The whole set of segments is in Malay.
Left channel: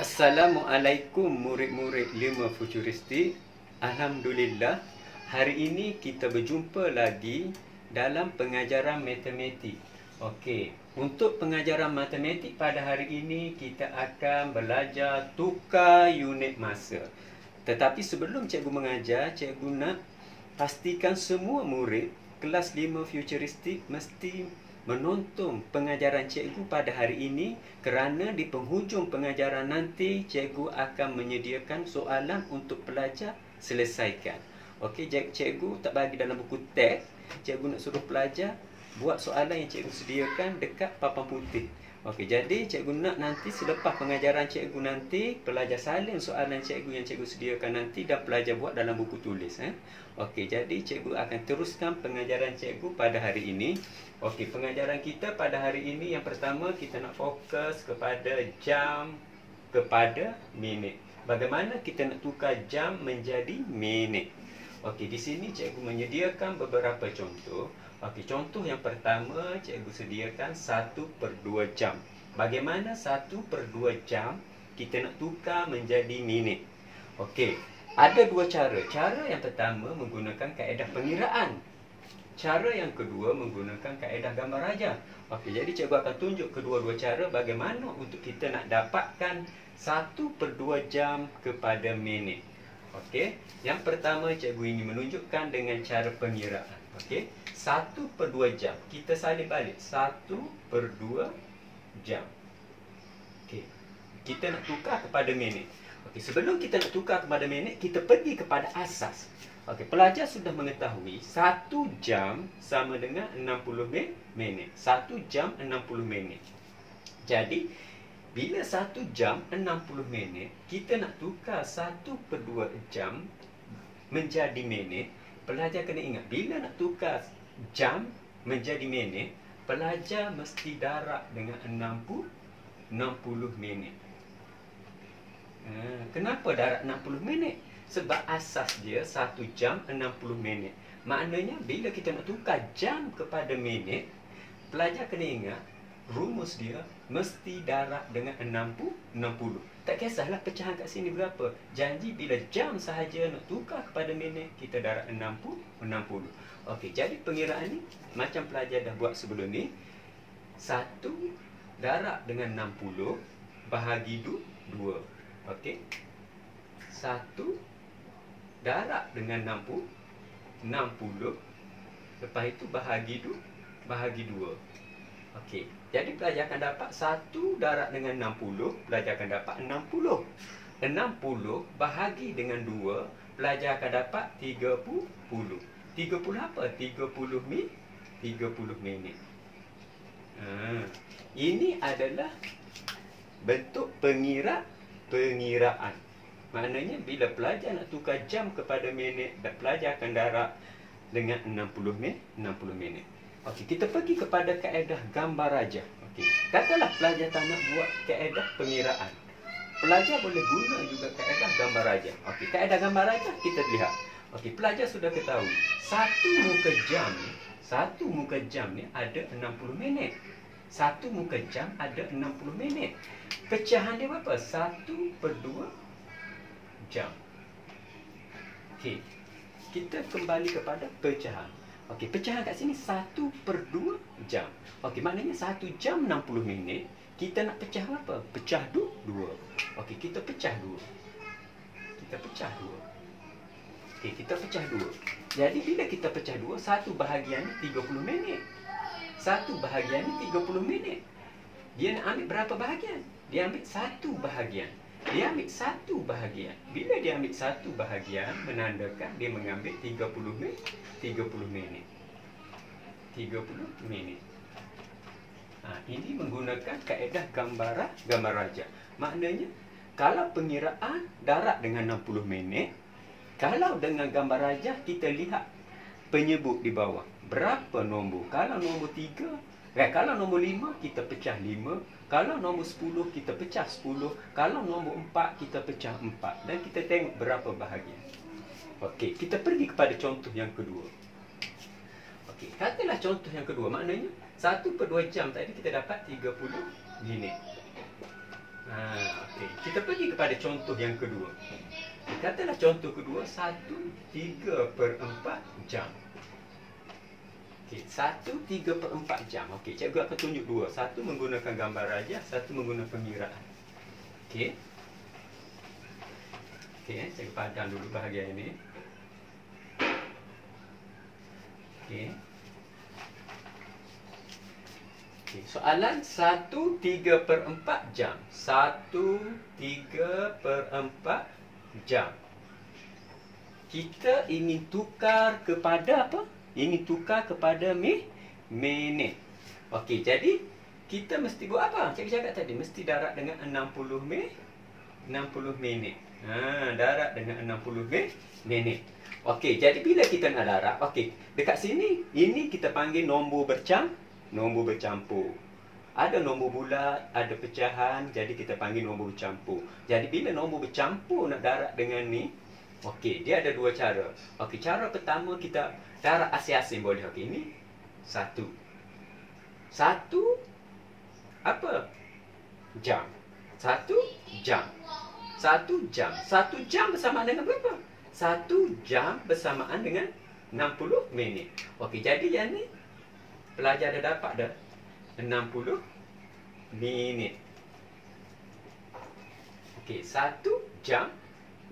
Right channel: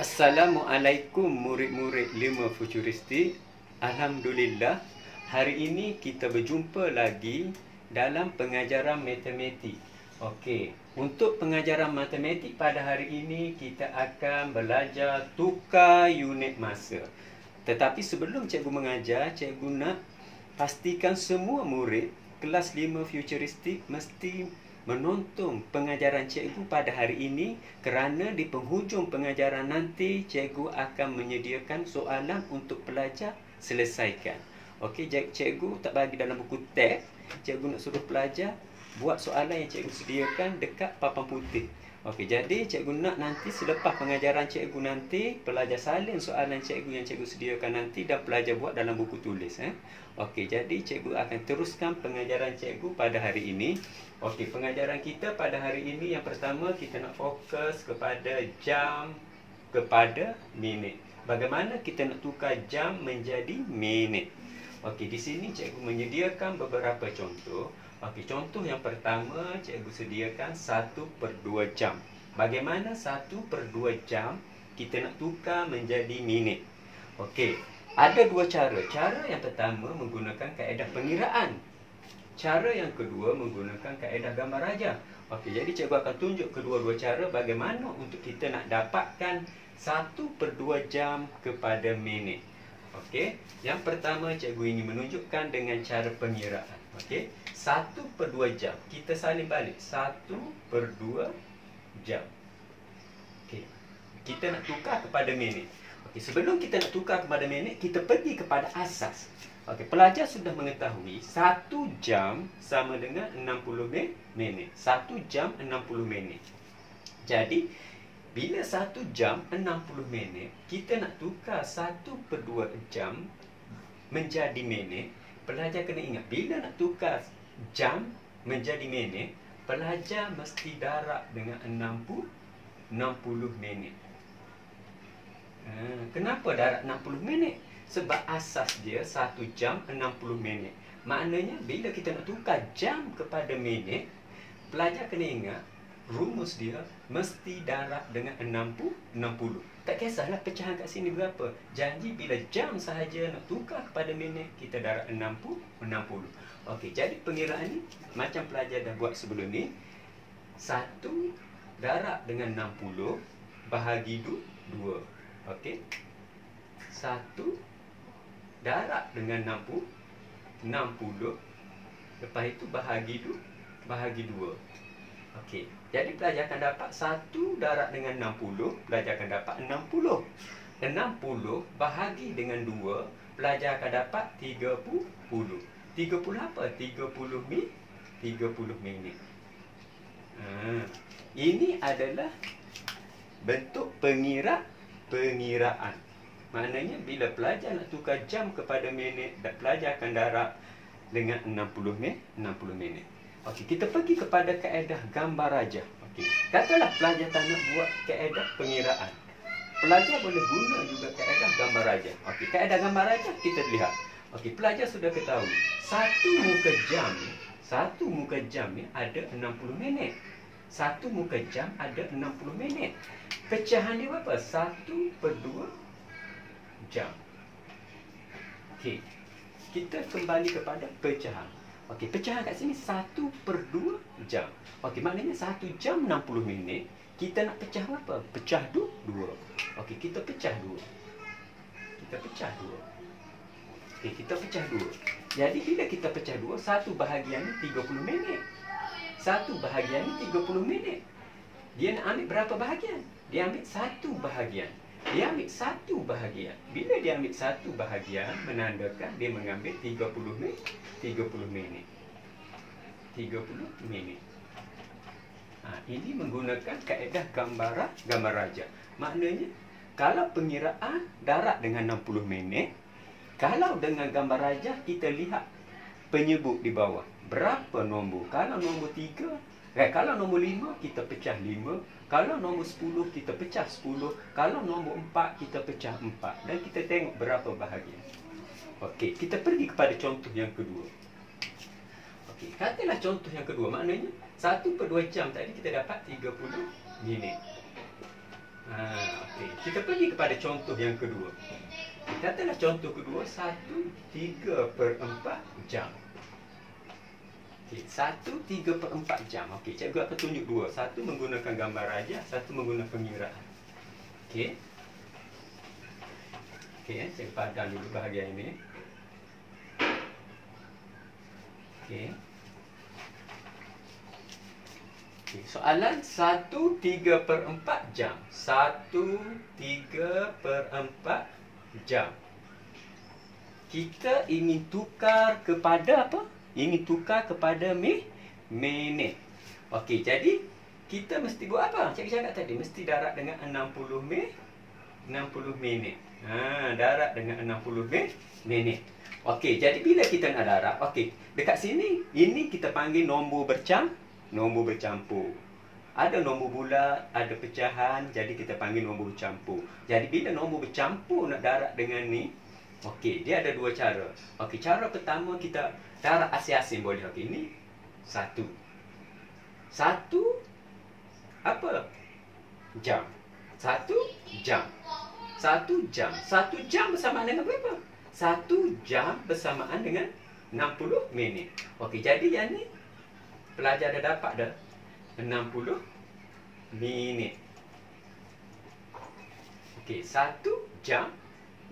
Assalamualaikum murid-murid 5 Futuristik. Alhamdulillah, hari ini kita berjumpa lagi dalam pengajaran matematik. Okey, untuk pengajaran matematik pada hari ini kita akan belajar tukar unit masa. Tetapi sebelum cikgu mengajar, cikgu nak pastikan semua murid kelas 5 Futuristik mesti menonton pengajaran cikgu pada hari ini, kerana di penghujung pengajaran nanti cikgu akan menyediakan soalan untuk pelajar selesaikan. Okey, cikgu tak bagi dalam buku teks, cikgu nak suruh pelajar buat soalan yang cikgu sediakan dekat papan putih. Okey, jadi cikgu nak nanti selepas pengajaran cikgu nanti pelajar salin soalan cikgu yang cikgu sediakan nanti dan pelajar buat dalam buku tulis. Okey, jadi cikgu akan teruskan pengajaran cikgu pada hari ini. Okey, pengajaran kita pada hari ini yang pertama kita nak fokus kepada jam kepada minit. Bagaimana kita nak tukar jam menjadi minit? Okey, di sini cikgu menyediakan beberapa contoh. Okey, contoh yang pertama cikgu sediakan 1/2 jam. Bagaimana 1/2 jam kita nak tukar menjadi minit? Okey, ada dua cara. Cara yang pertama menggunakan kaedah pengiraan. Cara yang kedua menggunakan kaedah gambar rajah. Okey, jadi cikgu akan tunjuk kedua-dua cara bagaimana untuk kita nak dapatkan 1/2 jam kepada minit. Okey, yang pertama cikgu ingin menunjukkan dengan cara pengiraan. Okey, 1/2 jam. Kita salin balik 1/2 jam. Okey, kita nak tukar kepada minit. Okey, sebelum kita nak tukar kepada minit, kita pergi kepada asas. Okey, pelajar sudah mengetahui 1 jam sama dengan 60 minit. 1 jam 60 minit. Jadi, bila 1 jam 60 minit, kita nak tukar 1/2 jam menjadi minit. Pelajar kena ingat, bila nak tukar jam menjadi minit, pelajar mesti darab dengan 60 minit. Kenapa darab 60 minit? Sebab asas dia 1 jam 60 minit. Maknanya bila kita nak tukar jam kepada minit, pelajar kena ingat rumus dia mesti darab dengan 60. Tak kisahlah pecahan kat sini berapa. Janji bila jam sahaja nak tukar kepada minit, kita darab 60. Okey, jadi pengiraan ni macam pelajar dah buat sebelum ni. 1 darab dengan 60 bahagi 2. Okey, 1 darab dengan 60. Lepas itu bahagi 2. Okey, jadi pelajar akan dapat 1 darab dengan 60. Pelajar akan dapat 60. 60 bahagi dengan 2. Pelajar akan dapat 30. 30 apa? 30 minit. Ini adalah bentuk pengiraan. Maknanya bila pelajar nak tukar jam kepada minit, dan pelajar akan darab dengan 60 minit. Okey, kita pergi kepada kaedah gambar rajah. Okey, katalah pelajar tak nak buat kaedah pengiraan. Pelajar boleh guna juga kaedah gambar rajah. Okey, kaedah gambar rajah kita lihat. Okey, pelajar sudah ketahui satu muka jam ni ada 60 minit. Satu muka jam ada 60 minit. Pecahan dia berapa? 1/2 jam. Okey, kita kembali kepada pecahan. Okey, pecahan kat sini 1/2 jam. Okey, maknanya 1 jam 60 minit. Kita nak pecah berapa? Pecah 2. Okey, kita pecah 2. Okey, kita pecah 2. Jadi bila kita pecah 2, satu bahagian ni 30 minit. Satu bahagian ni 30 minit. Dia nak ambil berapa bahagian? Dia ambil satu bahagian. Bila dia ambil satu bahagian, menandakan dia mengambil 30 minit. Ini menggunakan kaedah gambar rajah. Maknanya, kalau pengiraan darab dengan 60 minit, kalau dengan gambar rajah kita lihat penyebut di bawah. Berapa nombor? Kalau nombor 3, kalau nombor 5, kita pecah 5. Kalau nombor 10, kita pecah 10. Kalau nombor 4, kita pecah 4. Dan kita tengok berapa bahagian. Okey, kita pergi kepada contoh yang kedua. Okey, katalah contoh yang kedua. Maknanya, 1/2 jam tadi kita dapat 30 minit. Okey. Kita pergi kepada contoh yang kedua. Katalah contoh kedua 1/3/4 jam. Okey, 1/3/4 jam. Okey, cikgu akan tunjuk dua. Satu menggunakan gambar rajah, satu menggunakan pengiraan. Okey. Okey, cikgu padam dulu bahagian ini. Okey. Okey, soalan 1/3/4 jam. 1/3/4 jam. Kita ingin tukar kepada apa? Ini tukar kepada minit. Okey, jadi kita mesti buat apa? Cikgu cakap tadi mesti darab dengan 60 minit. Darab dengan 60 minit. Okey, jadi bila kita nak darab, okey, dekat sini ini kita panggil nombor bercampur. Ada nombor bulat, ada pecahan, jadi kita panggil nombor bercampur. Jadi bila nombor bercampur nak darab dengan ni, okey, dia ada dua cara. Okey, cara pertama kita darab asing-asing boleh. Okey, ini 1 apa? Jam. 1 jam. 1 jam. 1 jam bersamaan dengan berapa? 1 jam bersamaan dengan 60 minit. Okey, jadi yang ni pelajar dah dapat dah 60 minit. Okey, 1 jam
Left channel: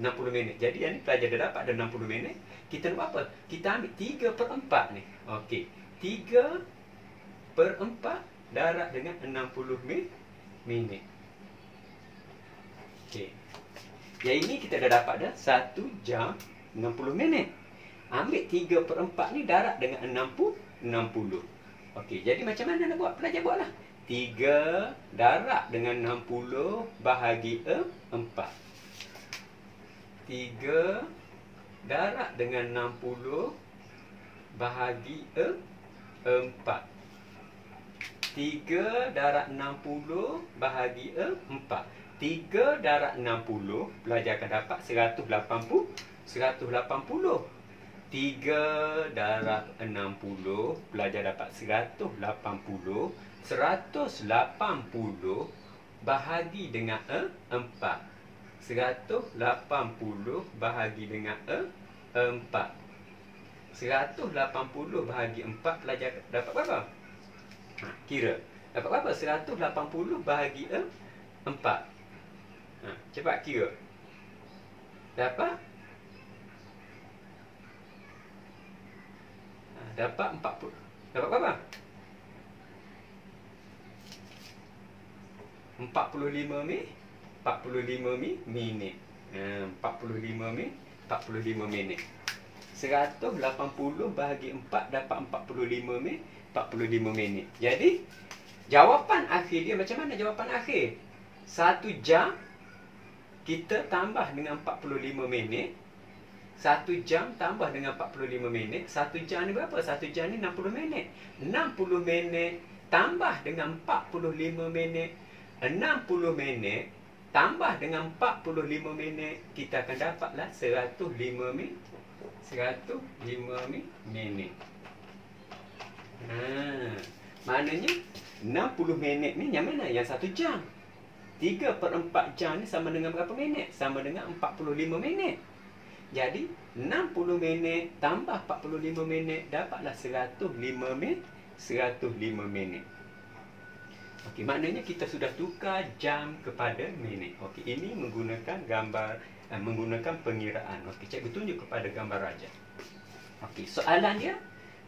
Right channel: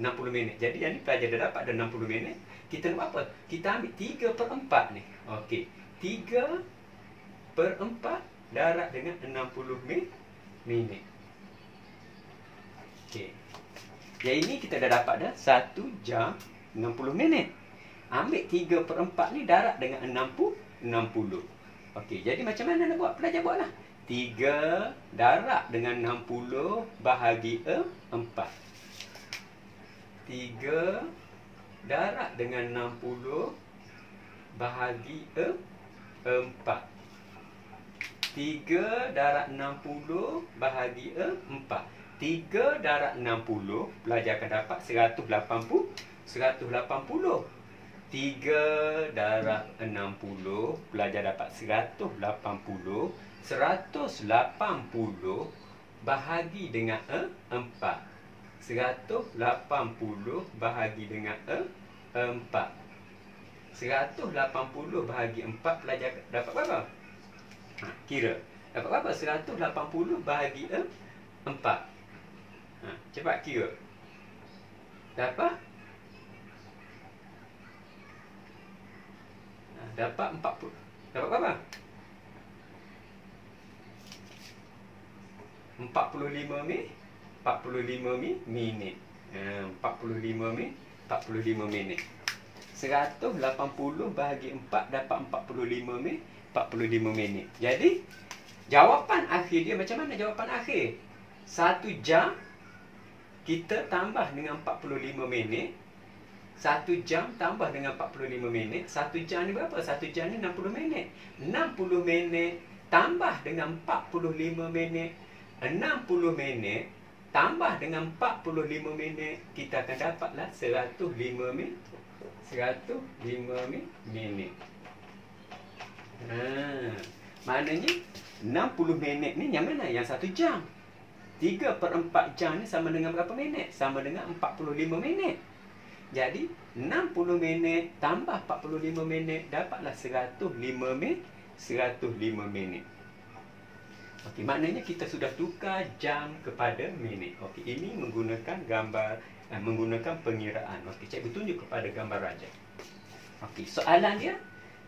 60 minit. Jadi yang ni pelajar dah dapat dah 60 minit. Kita nak apa? Kita ambil 3/4 ni. Okey, 3/4 darab dengan 60 minit. Okey. Yang ini kita dah dapat dah 1 jam 60 minit. Ambil 3/4 ni darab dengan 60. Okey, jadi macam mana nak buat? Pelajar buatlah. 3 darab dengan 60 bahagi 4. 3 darab dengan 60 bahagi 4. 3 darab 60 bahagi 4. 3 darab 60, pelajar akan dapat 180. 3 darab 60, pelajar dapat 180. 180 bahagi dengan 4. 180 bahagi dengan 4. 180 bahagi 4, pelajar dapat berapa? Kira. Dapat berapa? 180 bahagi 4. Cepat kira. Dapat? Dapat 40. Dapat berapa? 45 minit. 45 minit. 45 minit. 180 bahagi 4 dapat 45 minit. 45 minit. Jadi jawapan akhir dia macam mana jawapan akhir? 1 jam kita tambah dengan 45 minit. 1 jam tambah dengan 45 minit. 1 jam ni berapa? 1 jam ni 60 minit. 60 minit tambah dengan 45 minit. 60 minit tambah dengan 45 minit, kita akan dapatlah 105 minit. 105 minit. Maknanya 60 minit ni yang mana? Yang 1 jam. 3/4 jam ni sama dengan berapa minit? Sama dengan 45 minit. Jadi 60 minit tambah 45 minit dapatlah 105 minit. 105 minit. Okey, maknanya kita sudah tukar jam kepada minit. Okey, ini menggunakan gambar, menggunakan pengiraan. Okey, cikgu tunjuk kepada gambar rajah. Okey, soalan dia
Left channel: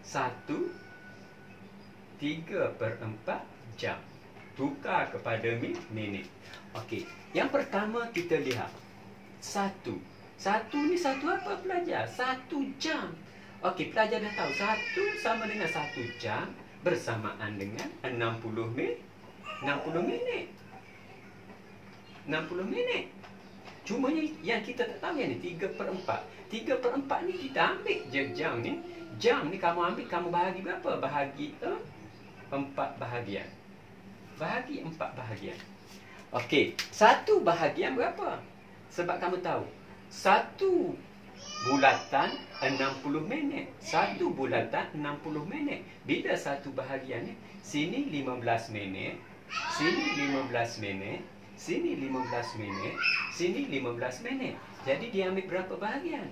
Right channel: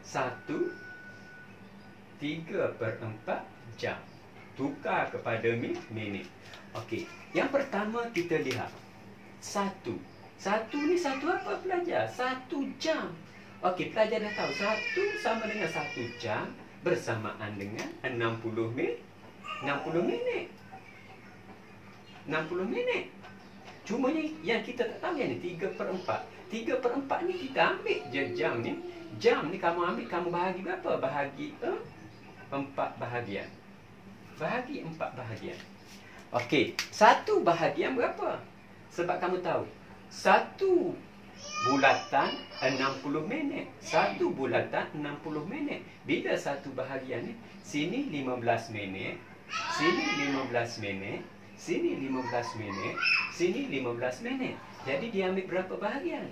1/3/4 jam. Tukar kepada minit. Okey, yang pertama kita lihat 1. 1 ni satu apa pelajar? 1 jam. Okey, pelajar dah tahu 1 sama dengan 1 jam bersamaan dengan 60 minit. 60 minit. 60 minit. Cuma yang kita tak tahu yang ni 3/4. 3/4 ni kita ambil je jam ni. Jam ni kamu ambil, kamu bahagi berapa? Bahagi 4 bahagian. Bahagi 4 bahagian. Okey, 1 bahagian berapa? Sebab kamu tahu 1 bulatan 60 minit. 1 bulatan 60 minit. Bila 1 bahagian ni, sini 15 minit, sini 15 minit, sini 15 minit, sini 15 minit. Jadi dia ambil berapa bahagian?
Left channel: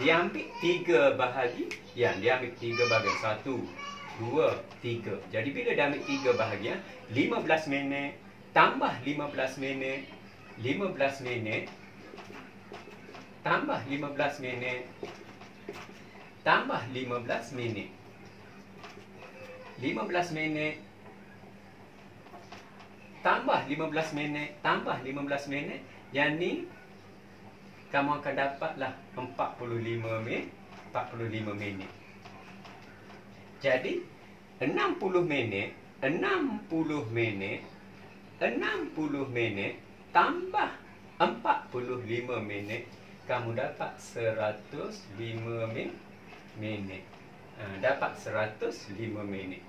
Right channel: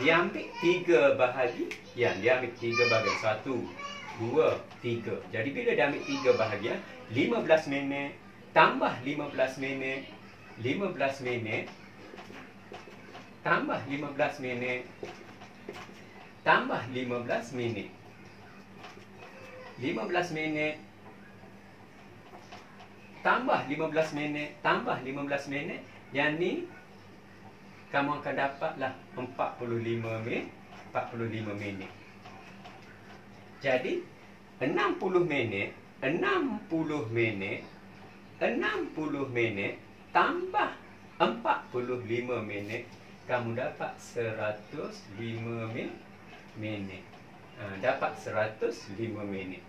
Dia ambil 3 bahagian. Dia ambil 3 bahagian. 1, 2, 3. Jadi bila dia ambil 3 bahagian, 15 minit tambah 15 minit, 15 minit tambah 15 minit tambah 15 minit, 15 minit tambah 15 minit tambah 15 minit. Yang ni kamu akan dapatlah 45 minit. Jadi 60 minit tambah 45 minit, kamu dapat 105 minit. Dapat 105 minit.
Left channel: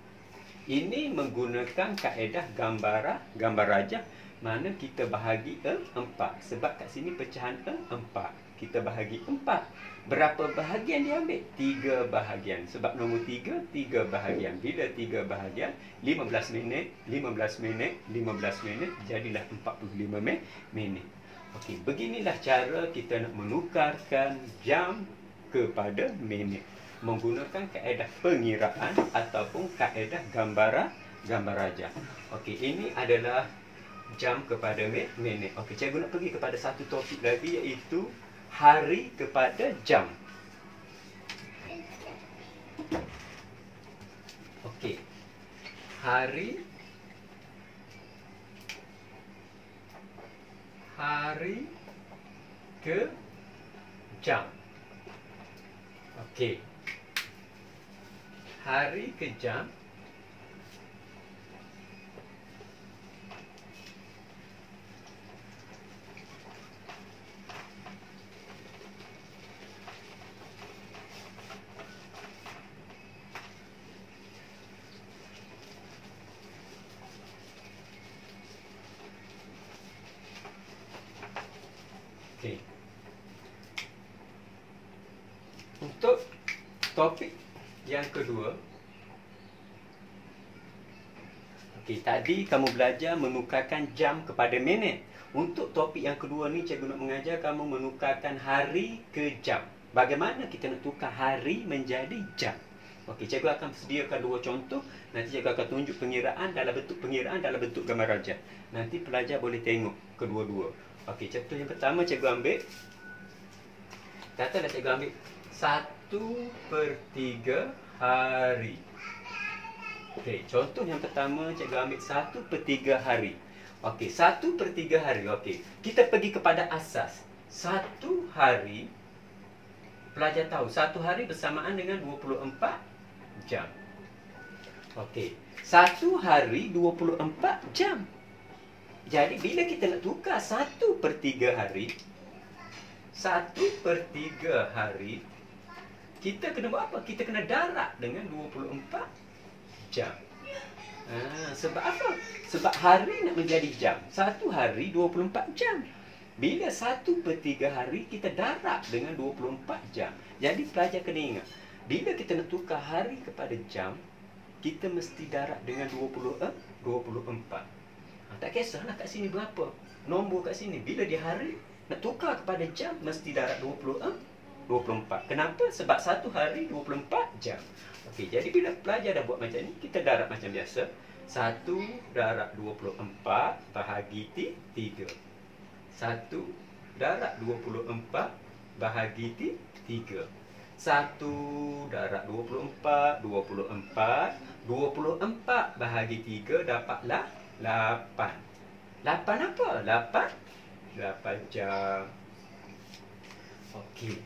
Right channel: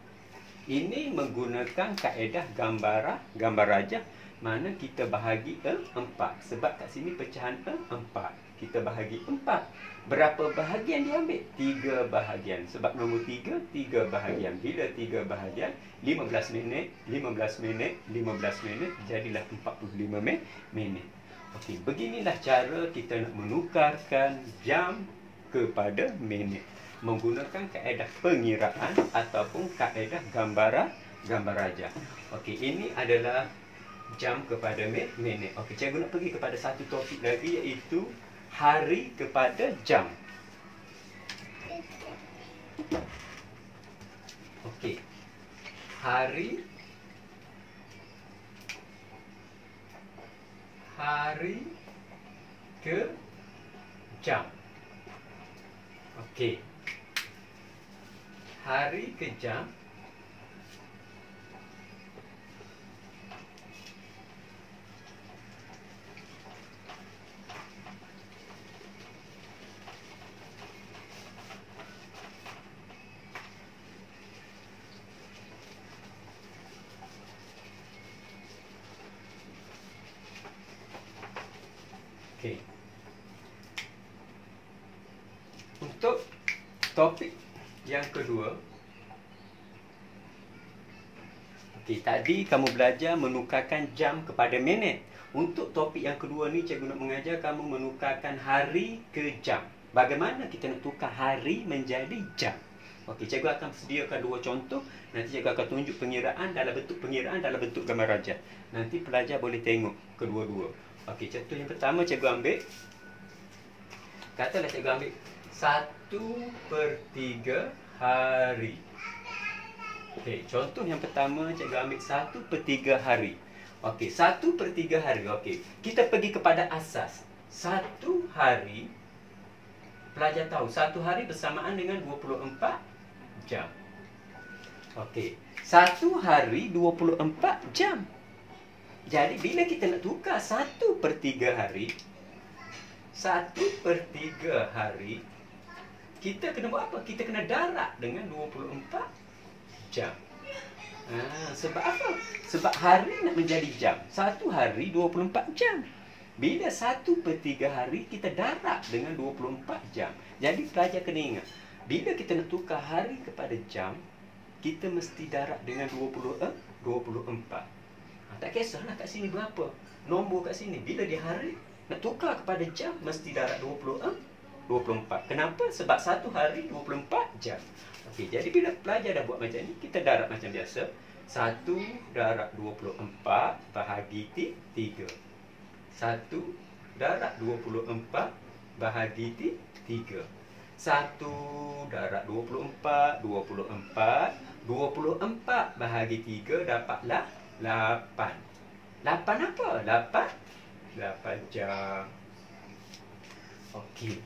Ini menggunakan kaedah gambar rajah, mana kita bahagi 4. Sebab kat sini pecahan 4. Kita bahagi 4. Berapa bahagian dia ambil? 3 bahagian. Sebab nombor 3 bahagian. Bila 3 bahagian, 15 minit, 15 minit, 15 minit, jadilah 45 minit. Okey, beginilah cara kita nak menukarkan jam kepada minit menggunakan kaedah pengiraan ataupun kaedah gambar rajah. Okey, ini adalah jam kepada minit. Okey, cikgu nak pergi kepada satu topik lagi, iaitu hari kepada jam. Okey. Hari ke jam. Okey. Hari ke jam. Okey. Untuk topik yang kedua, okey, tadi kamu belajar menukarkan jam kepada minit. Untuk topik yang kedua ni, cikgu nak mengajar kamu menukarkan hari ke jam. Bagaimana kita nak tukar hari menjadi jam? Okey, cikgu akan sediakan 2 contoh. Nanti cikgu akan tunjuk pengiraan dalam bentuk gambar rajah. Nanti pelajar boleh tengok kedua-dua. Okey, contoh yang pertama cikgu ambil. Katalah cikgu ambil 1/3 hari. Okey, contoh yang pertama cikgu ambil 1/3 hari. Okey, 1/3 hari. Okey, kita pergi kepada asas. 1 hari, pelajar tahu 1 hari bersamaan dengan 24 jam. Okey, 1 hari 24 jam. Jadi bila kita nak tukar 1/3 hari, 1/3 hari, kita kena buat apa? Kita kena darab dengan 24 jam. Sebab apa? Sebab hari nak menjadi jam. 1 hari 24 jam. Bila 1/3 hari, kita darab dengan 24 jam. Jadi pelajar kena ingat, bila kita nak tukar hari kepada jam, kita mesti darab dengan 24. Tak kisahlah kat sini berapa nombor kat sini. Bila di hari nak tukar kepada jam, mesti darab 24. Kenapa? Sebab 1 hari 24 jam. Okey, jadi bila pelajar dah buat macam ni, kita darab macam biasa. 1 darab 24 bahagi 3. 1 darab 24 bahagi 3. 1 darab 24 bahagi 3 dapatlah 8. 8 apa? 8 jam. Okey.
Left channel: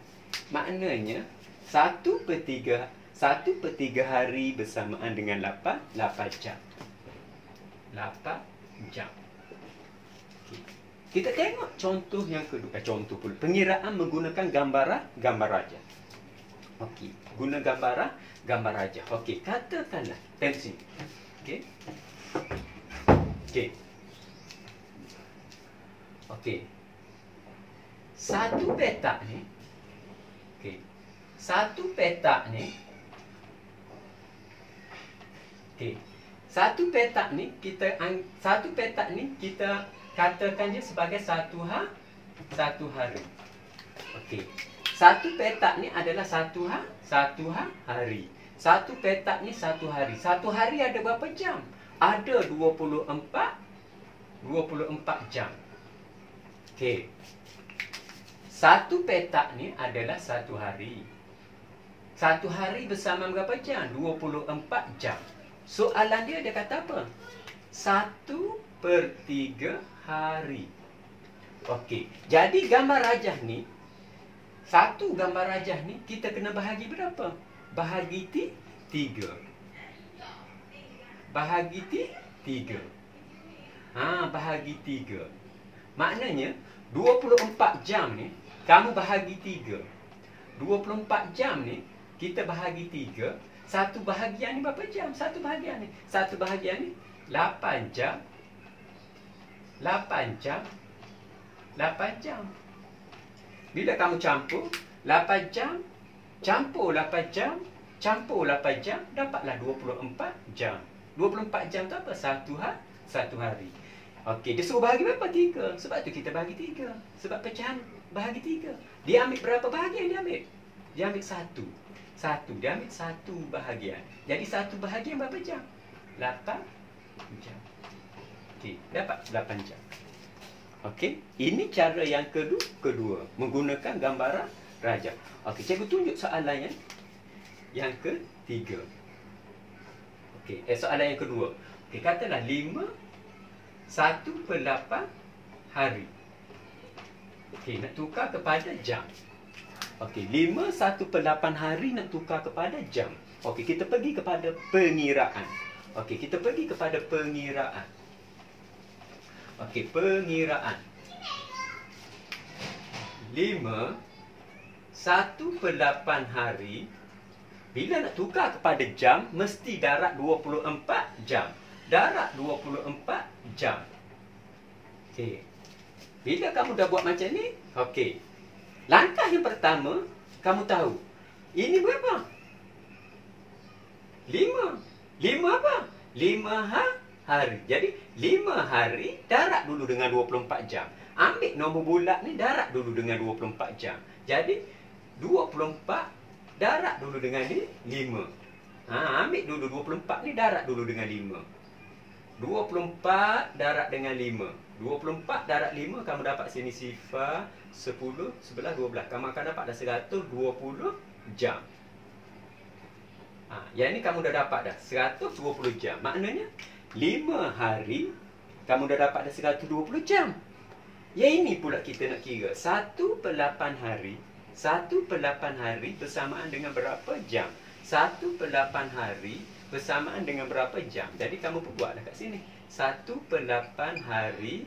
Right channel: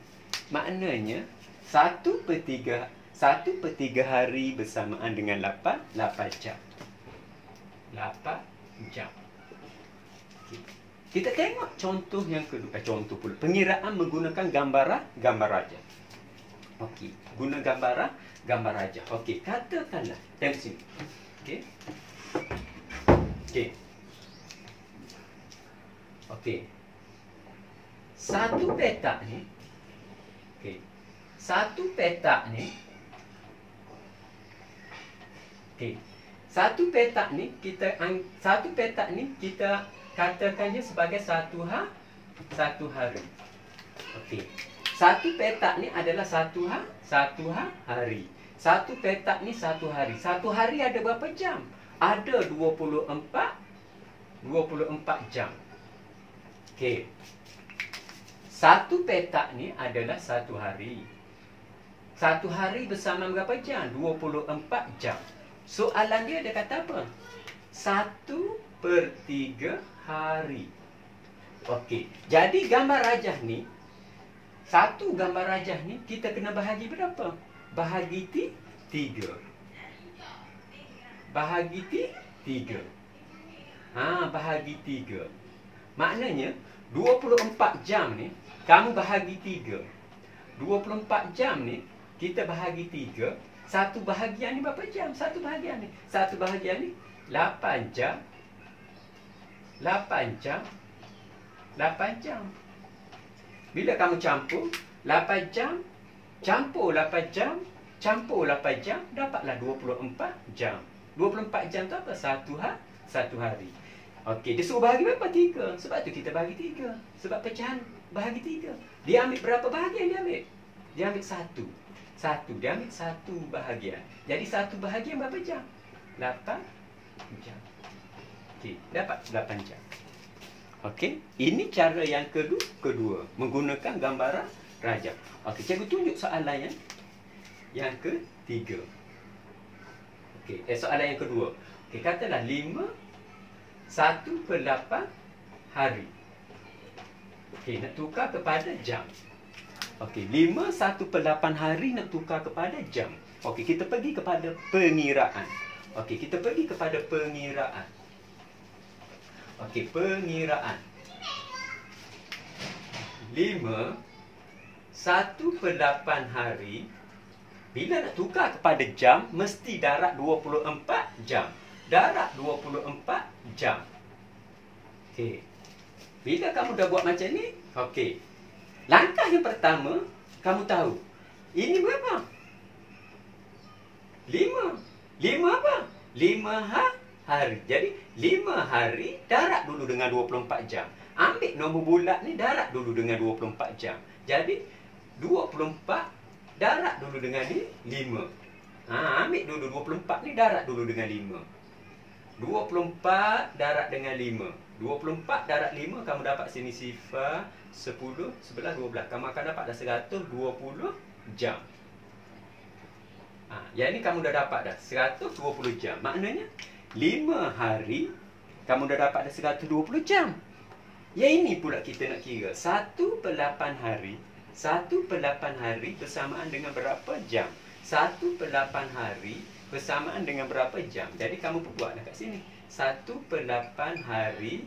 Maknanya 1/3 hari bersamaan dengan 8 jam. 8 jam. Okay. Kita tengok contoh yang kedua. Contoh pula. Pengiraan menggunakan gambar rajah. Okey. Guna gambar rajah. Okey. Katakanlah. Tengok sini. Okey. Okey. Okey. Satu petak ni. Okey. Satu petak ni. Okey. Satu petak ni kita katakan dia sebagai satu hari. Okey. Satu petak ni adalah satu hari. Satu petak ni satu hari. Satu hari ada berapa jam? Ada 24 jam. Okey. Satu petak ni adalah satu hari. Satu hari bersama berapa jam? 24 jam. Soalan dia kata apa? 1/3 hari. Okey. Jadi gambar rajah ni, satu gambar rajah ni kita kena bahagi berapa? Bahagi 3. Bahagi 3. Bahagi 3. Maknanya 24 jam ni kamu bahagi 3. 24 jam ni kita bahagi 3. Satu bahagian ni berapa jam? Satu bahagian ni 8 jam. 8 jam. 8 jam. Bila kamu campur 8 jam, campur 8 jam, campur 8 jam, dapatlah 24 jam. 24 jam tu apa? Satu hari. Okey, dia suruh bahagi berapa? 3. Sebab tu kita bahagi 3. Sebab pecahan bahagi 3. Dia ambil berapa bahagian dia ambil? Dia ambil 1. Dia ambil 1 bahagian. Jadi 1 bahagian berapa jam? 8 jam. Okey, dapat 8 jam. Okey, ini cara yang kedua menggunakan gambaran rajah. Okey, cikgu tunjuk soalan yang ketiga. Okey, soalan yang kedua. Okey, katalah 1/8 hari. Okey, nak tukar kepada jam. Okey, 1/8 hari nak tukar kepada jam. Okey, kita pergi kepada pengiraan. Okey, kita pergi kepada pengiraan. Okey, pengiraan. 1/8 hari. Bila nak tukar kepada jam, mesti darab 24 jam. Darab 24 jam. Okey. Bila kamu dah buat macam ni, okey. Langkah yang pertama, kamu tahu. Ini berapa? 5. 5 apa? 5 hari. Jadi 5 hari darab dulu dengan 24 jam. Ambil nombor bulat ni darab dulu dengan 24 jam. Jadi 24 darab dulu dengan 5. Ambil dulu 24 ni darab dulu dengan 5. 24 darab dengan 5. 24 darab 5 kamu dapat sini sifar 10, 11, 12. Kamu akan dapat dah 120 jam. Yang ni kamu dah dapat dah 120 jam. Maknanya 5 hari kamu dah dapat dah 120 jam. Yang ini pula kita nak kira 1/8 hari. 1/8 hari bersamaan dengan berapa jam? 1/8 hari bersamaan dengan berapa jam? Jadi kamu buatlah kat sini. 1/8 hari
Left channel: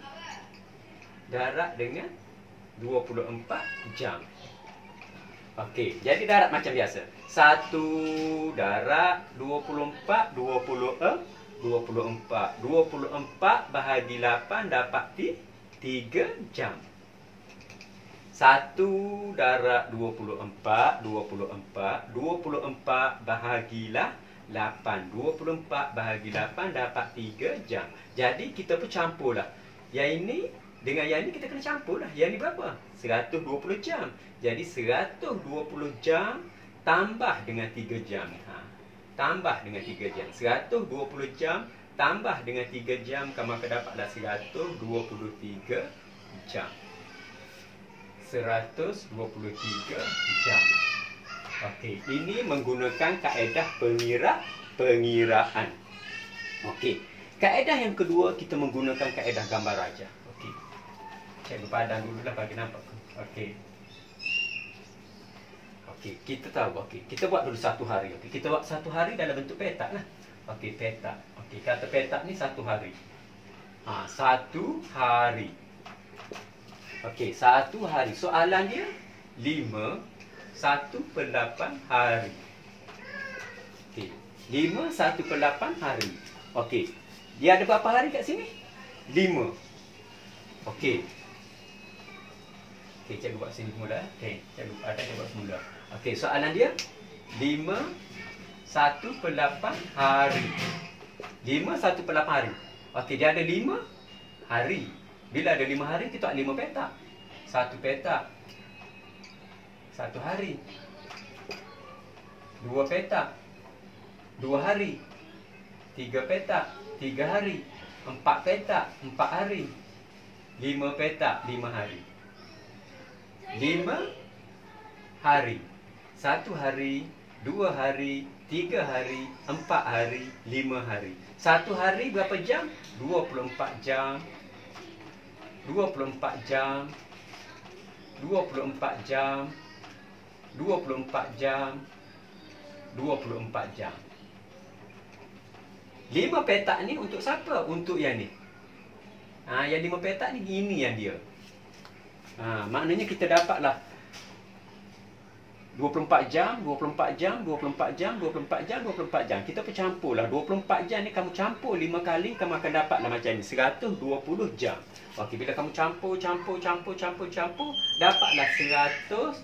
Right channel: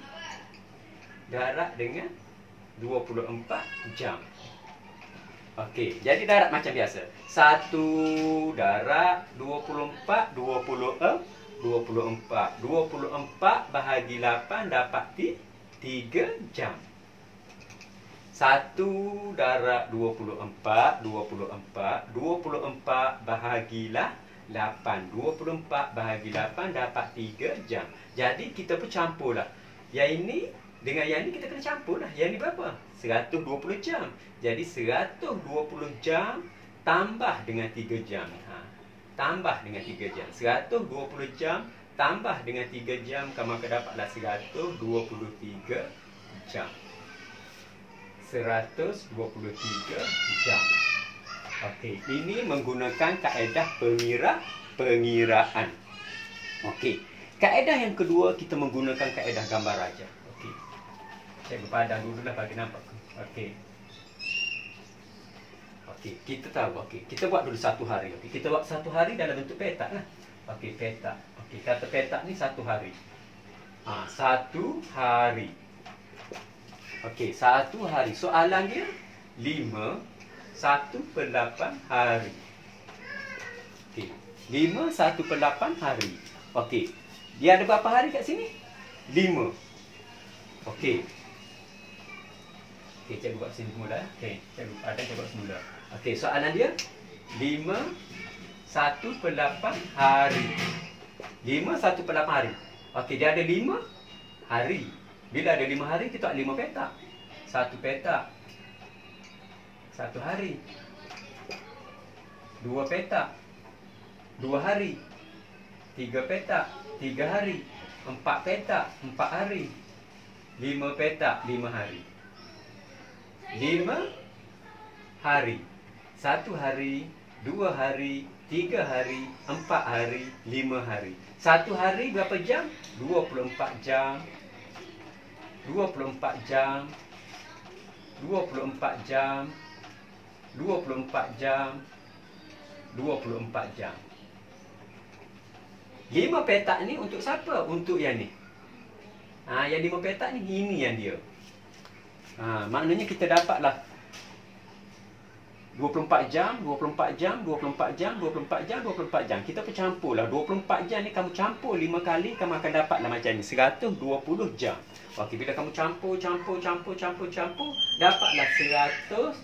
darab dengan 24 jam. Okey, jadi darab macam biasa. 1 darab 24, 24. 24 bahagi 8 dapat 3 jam. 1 darab 24, 24 bahagilah 8. 24 bahagi 8 dapat 3 jam. Jadi kita pun campurlah. Yang ini dengan yang ini kita kena campur dah. Yang ini berapa? 120 jam. Jadi 120 jam tambah dengan 3 jam. Tambah dengan 3 jam. 120 jam tambah dengan 3 jam, kamu akan dapatlah 123 jam. 123 jam. Okey, ini menggunakan kaedah pengiraan. Okey. Kaedah yang kedua kita menggunakan kaedah gambar rajah. Okey. Saya berpadang dululah bagi nampak. Okey. Okey, kita tahu. Okey, kita buat dulu 1 hari. Okey, kita buat 1 hari dalam bentuk petak lah. Okey, petak. Okey, kata petak ni 1 hari. 1 hari. Okey, 1 hari. Soalan dia 1/8 hari. Okey, 1/8 hari. Okey. Dia ada berapa hari kat sini? 5. Okey. Okey, cikgu buat sini semula. Okey, cikgu buat semula. Okey, soalan dia 1/8 hari. 1/8 hari. Okey, dia ada 5 hari. Bila ada 5 hari, kita 5 petak. 1 petak 1 hari. 2 petak 2 hari. 3 petak 3 hari. 4 petak 4 hari. 5 petak 5 hari. 5 hari. 1 hari, 2 hari, 3 hari, 4 hari, 5 hari. 1 hari berapa jam? 24 jam. 24 jam. 24 jam. 24 jam. 24 jam. 5 petak ni untuk siapa? Untuk yang ni. Yang 5 petak ni, ini yang dia. Maknanya kita dapatlah 24 jam, 24 jam, 24 jam, 24 jam, 24 jam. Kita percampurlah. 24 jam ni kamu campur 5 kali, kamu akan dapatlah macam ni. 120 jam. Okey, bila kamu campur, dapatlah 120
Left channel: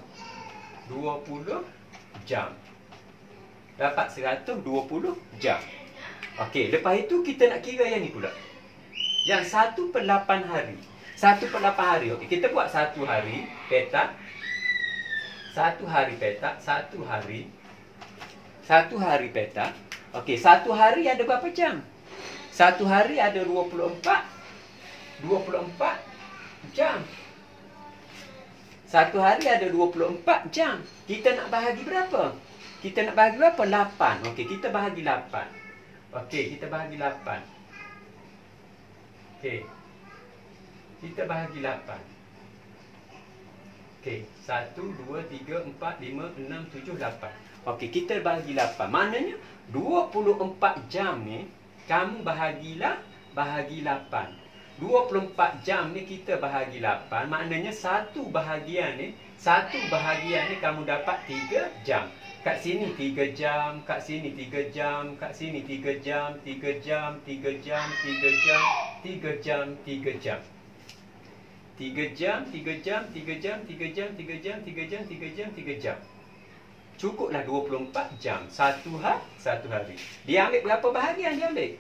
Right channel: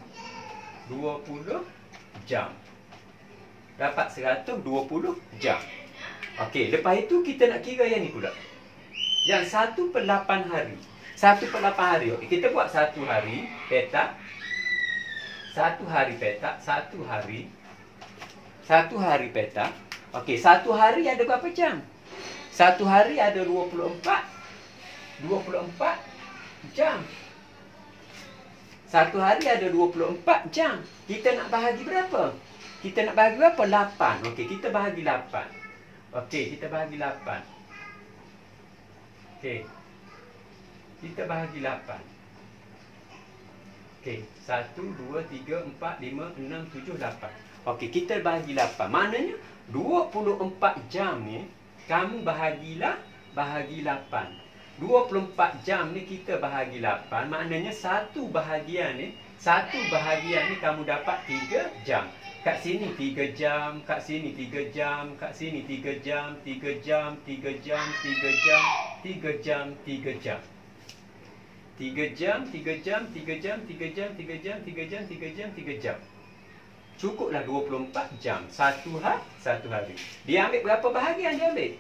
jam. Dapat 120 jam. Okey, lepas itu kita nak kira yang ni pula. Yang 1/8 hari. 1/8 hari. Okey, kita buat 1 hari petak. 1 hari petak, 1 hari. 1 hari petak. Okey, 1 hari ada berapa jam? 1 hari ada 24 jam. 1 hari ada 24 jam. Kita nak bahagi berapa? Kita nak bahagi berapa? 8. Okey, kita bahagi 8. Okey, kita bahagi 8. Okey. Kita bahagi 8. Okey, 1, 2, 3, 4, 5, 6, 7, 8. Okey, kita bahagi 8. Maknanya 24 jam ni kamu bahagi 8. 24 jam ni kita bahagi 8. Maknanya satu bahagian ni kamu dapat 3 jam. Kat sini 3 jam, kat sini 3 jam, kat sini 3 jam, 3 jam, 3 jam, 3 jam, 3 jam, 3 jam. 3 jam, 3 jam, 3 jam, 3 jam, 3 jam, 3 jam, 3 jam, 3 jam. Cukuplah 24 jam. Satu hari. Dia ambil berapa bahagian dia ambil?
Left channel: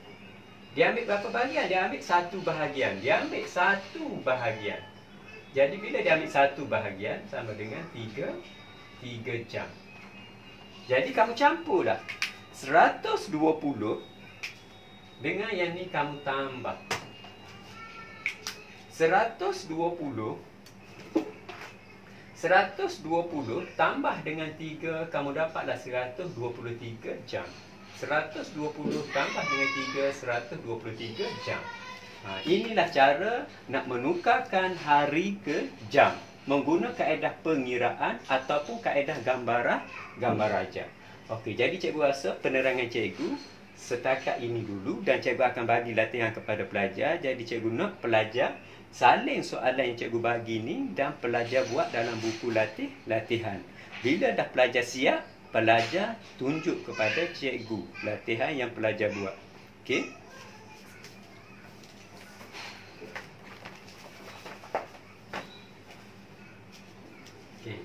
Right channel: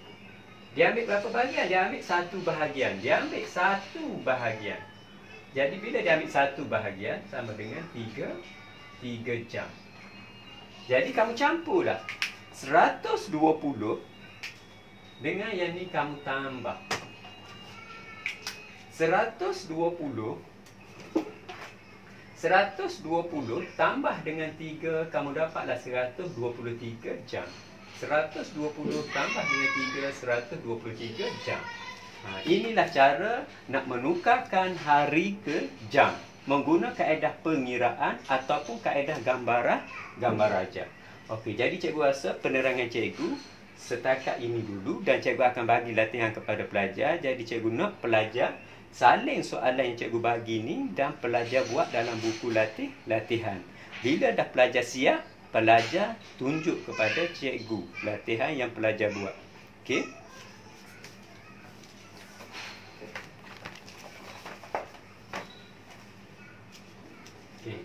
Dia ambil berapa bahagian? Dia ambil 1 bahagian. Dia ambil 1 bahagian. Jadi bila dia ambil 1 bahagian sama dengan 3 jam. Jadi kamu campurlah 120 dengan yang ni kamu tambah. 120 tambah dengan 3, kamu dapatlah 123 jam. 120 tambah dengan 3, 123 jam. Inilah cara nak menukarkan hari ke jam menggunakan kaedah pengiraan ataupun kaedah gambar raja. Okey, jadi cikgu rasa penerangan cikgu setakat ini dulu dan cikgu akan bagi latihan kepada pelajar. Jadi cikgu nak pelajar salin soalan yang cikgu bagi ni dan pelajar buat dalam buku latihan. Bila dah pelajar siap, pelajar tunjuk kepada cikgu latihan yang pelajar buat. Okey. Okey.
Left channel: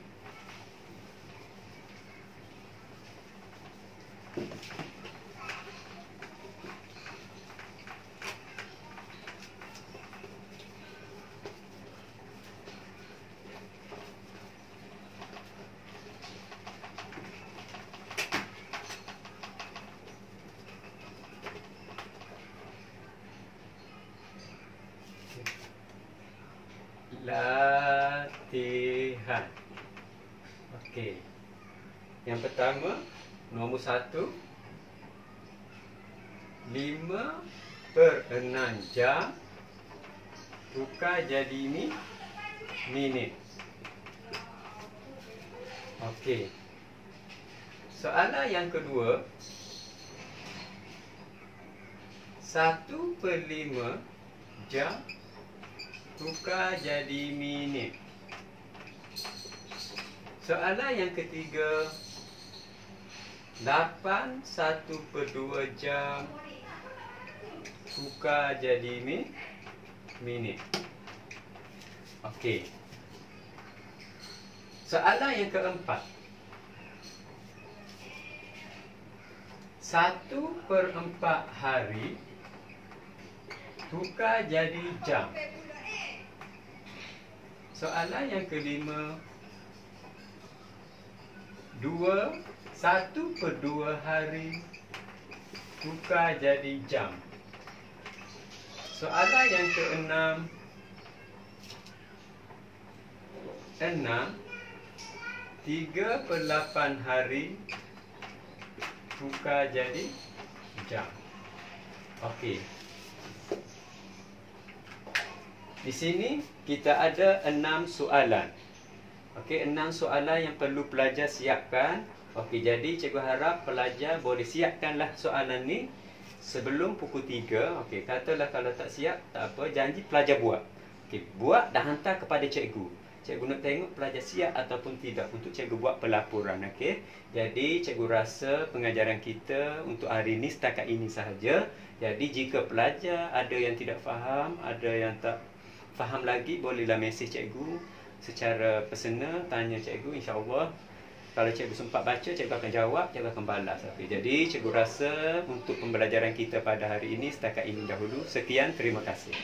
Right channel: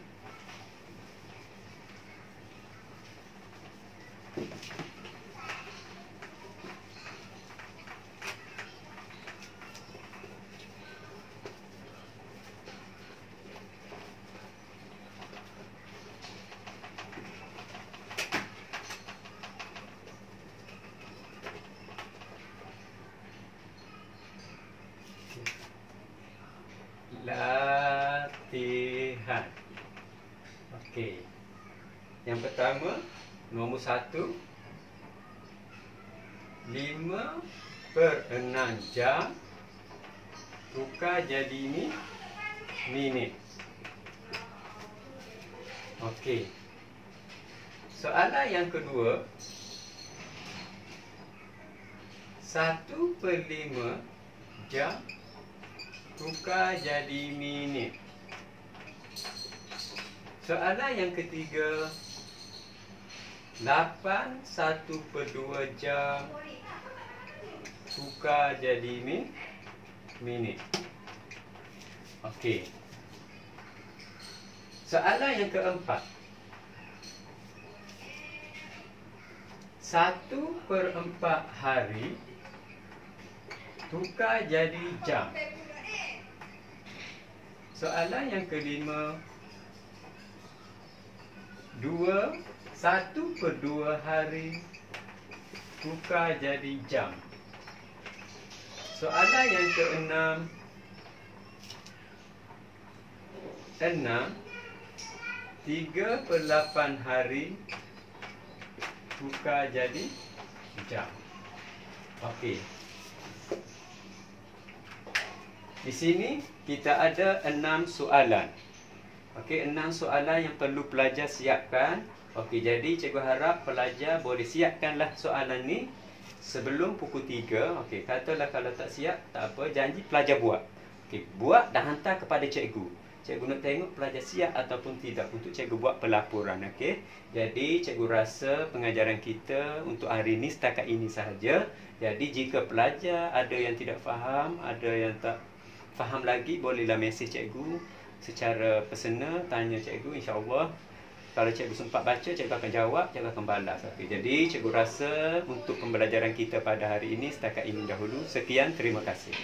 Latihan. Okey. Yang pertama, nombor 1. 5/6 jam tukar jadi ini minit. Okey. Soalan yang kedua, 1/5 jam tukar jadi minit. Soalan yang ketiga, 8 1/2 jam tukar jadi minit. Okey. Soalan yang keempat, 1/4 hari tukar jadi jam. Soalan yang kelima. 1/2 hari tukar jadi jam. Soalan yang keenam. 3/8 hari tukar jadi jam. Okey. Di sini kita ada 6 soalan. Okey, 6 soalan yang perlu pelajar siapkan. Okey, jadi cikgu harap pelajar boleh siapkanlah soalan ni sebelum pukul 3. Okey, katalah kalau tak siap, tak apa, janji pelajar buat. Okey, buat dan hantar kepada cikgu. Cikgu nak tengok pelajar siap ataupun tidak untuk cikgu buat pelaporan. Okey. Jadi cikgu rasa pengajaran kita untuk hari ini setakat ini sahaja. Jadi jika pelajar ada yang tidak faham, ada yang tak faham lagi, bolehlah mesej cikgu secara personal, tanya cikgu, insya-Allah kalau cikgu sempat baca, cikgu akan jawab, cikgu akan balas. Okay. Jadi cikgu rasa untuk pembelajaran kita pada hari ini setakat ini dahulu. Sekian, terima kasih.